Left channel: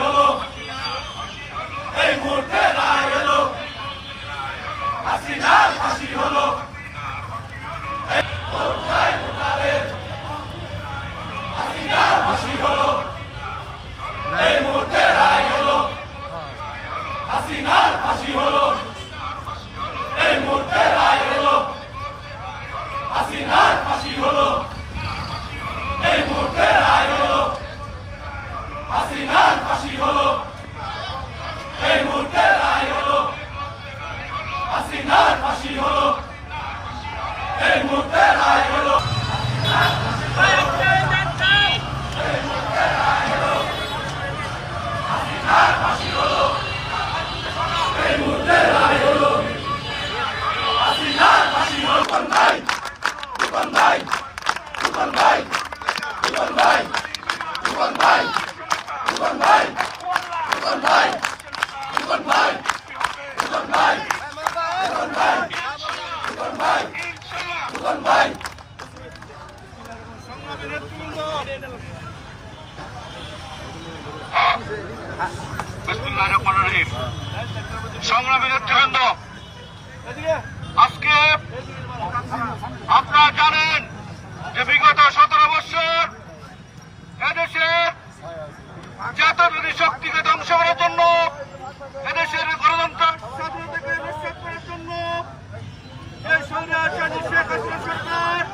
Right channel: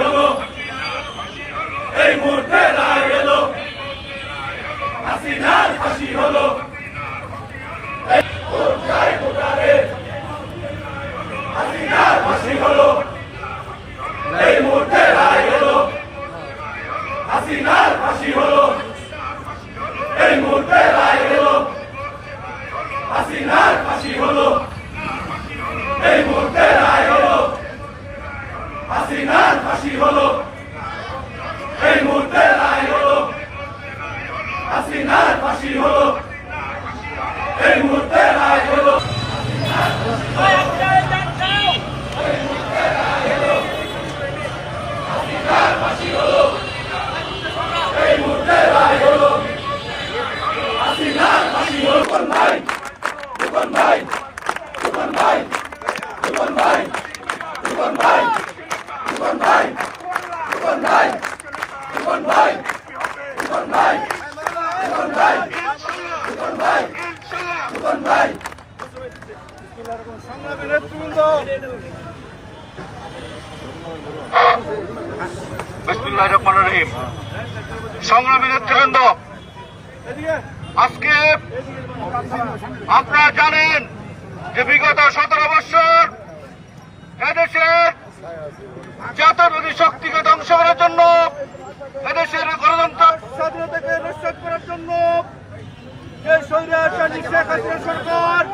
হলো। এই মুহূর্তে রায় এলো হাসিনার ফাঁসি হলো। হাসিনার ফাঁসি হলো। এই মুহূর্তে রায় এলো হাসিনার ফাঁসি হলো। এই মুহূর্তে রায় এলো হাসিনার ফাঁসি হলো। এই মুহূর্তে হাসিনার ফাঁসি হলো। এই মুহূর্তে রায় হলো। হাসিনার ফাঁসি হলো। এই মুহূর্তে রায় হলো। হাসিনার এই মুহূর্তে রায় হলো। হাসিনার ফাঁসি হলো। ভাই, দোকান ভাই দোকান ভাই। আজকে আপনারা জানেন যে বিগত সতেরো বছর এদেশের জাতীয় শক্তিকে ধ্বংস করার জন্য, এদেশের গণতন্ত্র স্বাধীনতাকে নষ্ট করার জন্য সরকার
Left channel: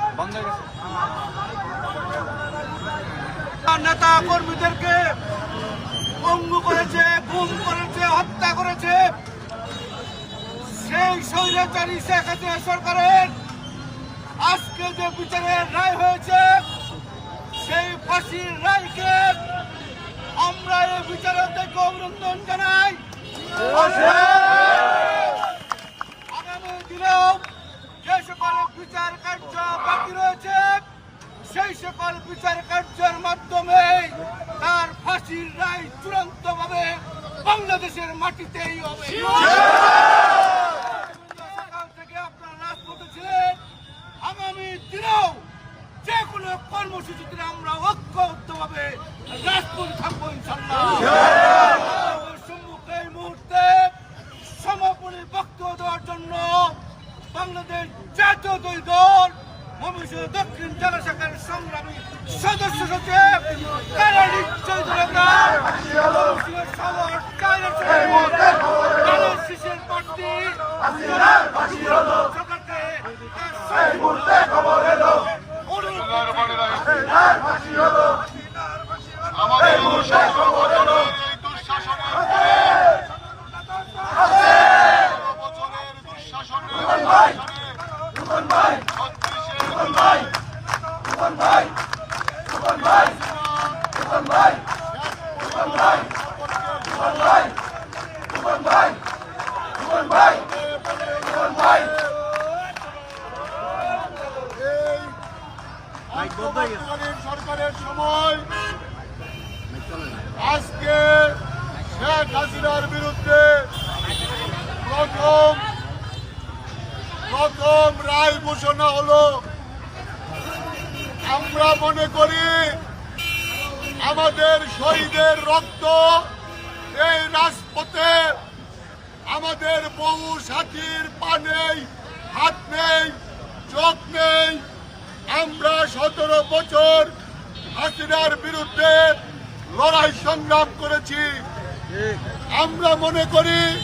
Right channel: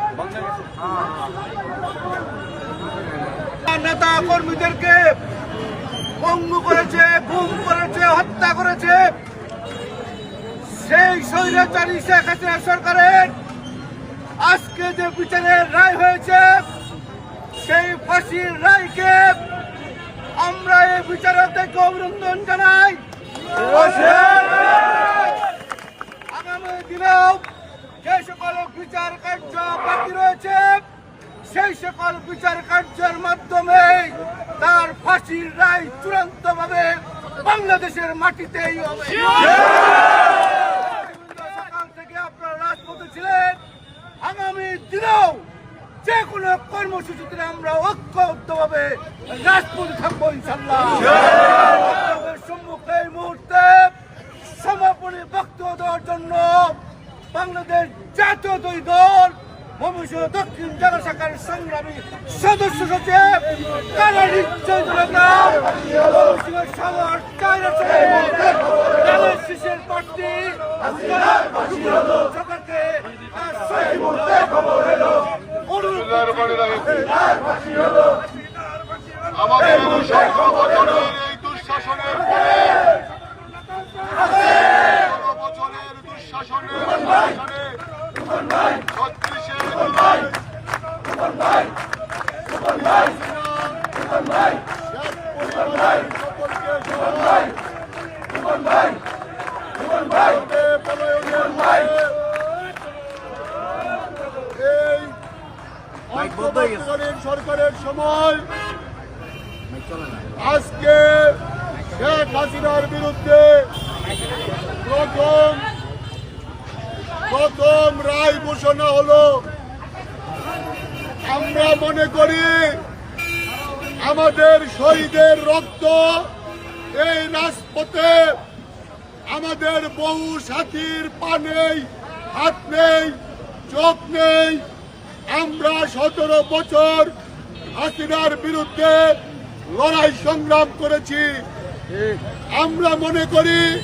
নেতা কর্মীদেরকে পঙ্গু করেছে, গুম করেছে, হত্যা করেছে। সেই স্বৈরাচারী শেখ হাসিনা সরকারের আজকে যে বিচারের রায় হয়েছে, সেই ফাঁসির রায়কে আমরা এই বিচারক থেকে অভিনন্দন জানাই। আগামী দিনেও যে সকল বিচার কার্য বাকি রয়েছে, সেই সকল বিচার কার্যের মাধ্যমে তার ফাঁসির রায় চূড়ান্ত ভাবে বাংলাদেশের মাটিতেই হবে। সকাল থেকে আপনারা রাজপথে ছিলেন। আগামী দিনেও যে কোনো কর্মসূচিতে আমরা ঐক্যবদ্ধভাবে রাজপথে থাকব ইনশাল্লাহ সম্মুখে এই মুহূর্তে সমাপনী বক্তব্য দেওয়ার জন্য বাংলাদেশ জাতীয় দুই দল ময়মনসিংহ দক্ষিণ জেলা শাখার সংগ্রামী সদস্য সচিব কারা নিশ্চয় শিশের প্রার্থী সরকারকে অনুরোধ আমাদের ঐক্যবদ্ধকালীন সরকারের সময় আজকে শেখ হাসিনার বিরুদ্ধে প্রথম প্রথম রায় ঘোষণা হলো, আমরা মনে করি আমাদের শহীদের রক্ত এই রাজপথে আমাদের বহু সাথীর পা নেই, হাত নেই, চোখ নেই। আমরা সতেরো বছর হাসিনার বিরুদ্ধে লড়াই সংগ্রাম করেছি। আমরা মনে করি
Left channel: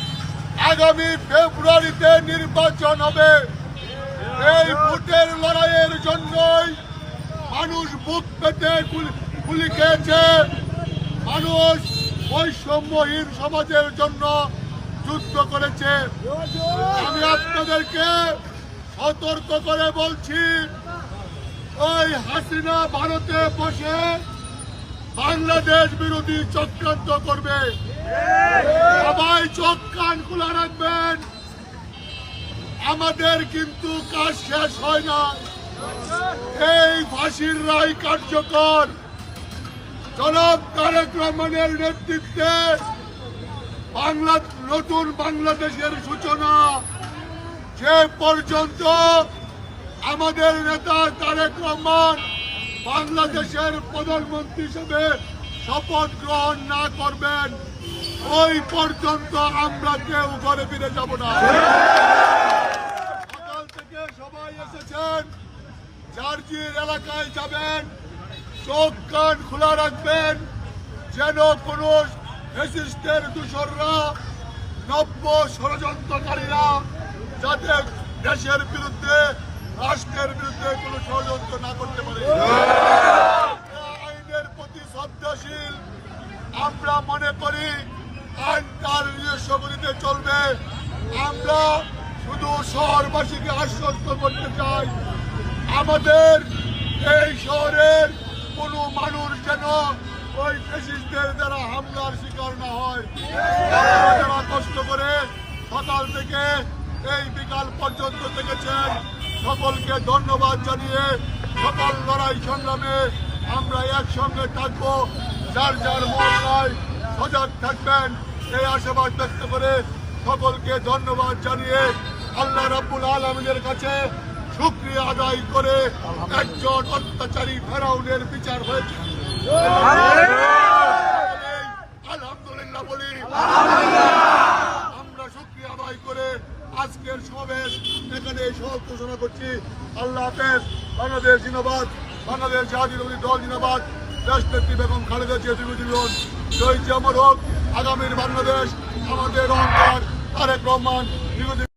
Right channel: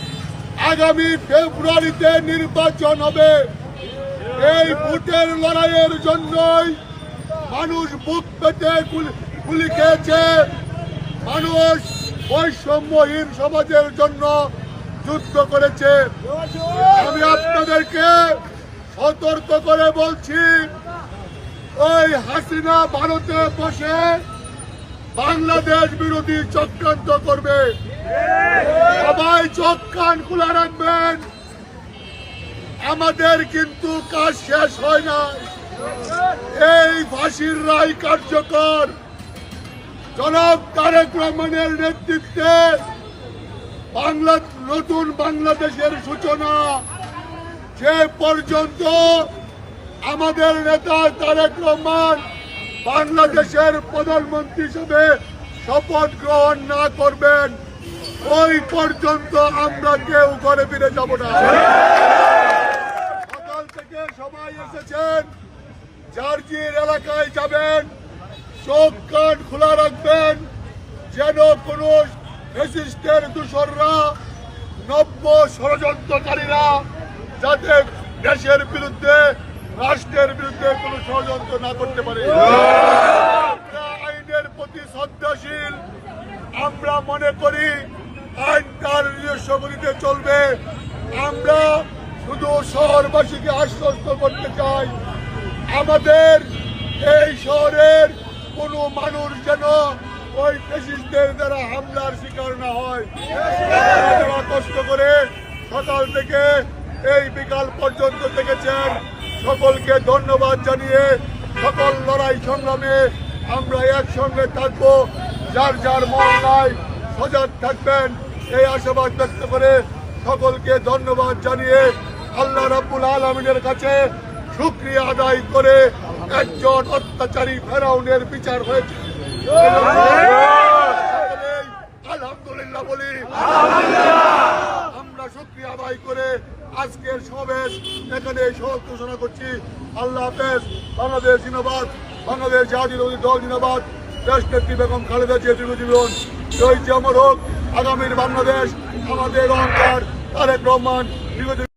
আগামী ফেব্রুয়ারিতে নির্বাচন হবে। এই ভোটের লড়াইয়ের জন্যই মানুষ বুক পেতে গুলি- খেয়েছে। মানুষ বৈষম্যহীন সমাজের জন্য যুদ্ধ করেছে। আমি আপনাদেরকে সতর্ক করে বলছি, ওই হাসিনা ভারতে বসে বাংলাদেশ বিরোধী চক্রান্ত করবে। সবাই চোখ কান খোলা রাখবেন। আমাদের কিন্তু কাজ শেষ হয় না এই ফাঁসির রায় কার্যকর। জনাব তারেক রহমানের নেতৃত্বে বাংলা, নতুন বাংলাদেশের সূচনা। যে পর্যন্ত আমাদের নেতা তারেক রহমান বাংলাদেশের প্রধানমন্ত্রী হিসেবে শপথ গ্রহণ না করবেন, ওই পর্যন্ত আমরা কেউ ঘরে ফিরে যাব না। সকাল থেকে সবাই এসেছেন জার্জির এলাকায় যাবেন, চোখ কান খোলা রাখবেন, যেন কোনো ফেসিস্টের দূষররা, নব্য ষড়যন্ত্রকারীরা যাতে দেশের বিরুদ্ধে রাষ্ট্রের বিরুদ্ধে কোনো ষড়যন্ত্র না করতে পারে। আইনের প্রতি শ্রদ্ধাশীল। আমরা মনে করি আইন তার নিজস্ব চলবে। আমরা শুধু শহরবাসীকে আশ্বস্ত করতে চাই, আমাদের এই শহরের কোনো মানুষ যেন ওই ফেসিস্টদের দ্বারা হামলার শিকার না হয়। যারা কষ্ট করে সকাল থেকে এই বিকাল পর্যন্ত থেকেছেন সকলকে ধন্যবাদ জানিয়ে সকল লড়াই সংগ্রামে আমরা একসঙ্গে থাকব। যার যার মহল্লায় সজাগ থাকবেন। এই আশাবাদ ব্যক্ত করে সকলকে ধন্যবাদ জানিয়ে আল্লাহ রাব্বুল আলমিনের কাছে শুক্রিয়া আদায় করে একজন অত্যাচারী ফেরাউনের বিচার হয়েছে। আলহামদুলিল্লাহ বলি। আমরা শুক্রিয়া আদায় করে আজকের সমাবেশ এখানে সব ঘোষণা করছি। আল্লাহ হাফেজ, বাংলাদেশ জিন্দাবাদ, বাংলাদেশ জাতীয় দল জিন্দাবাদ। দেশ নেত্রী বেগম খালেদা জিয়া দীর্ঘজীবন। জয় জিয়া অমর হোক, আগামীর বাংলাদেশ আমাদের অহংকার, তারেক রহমান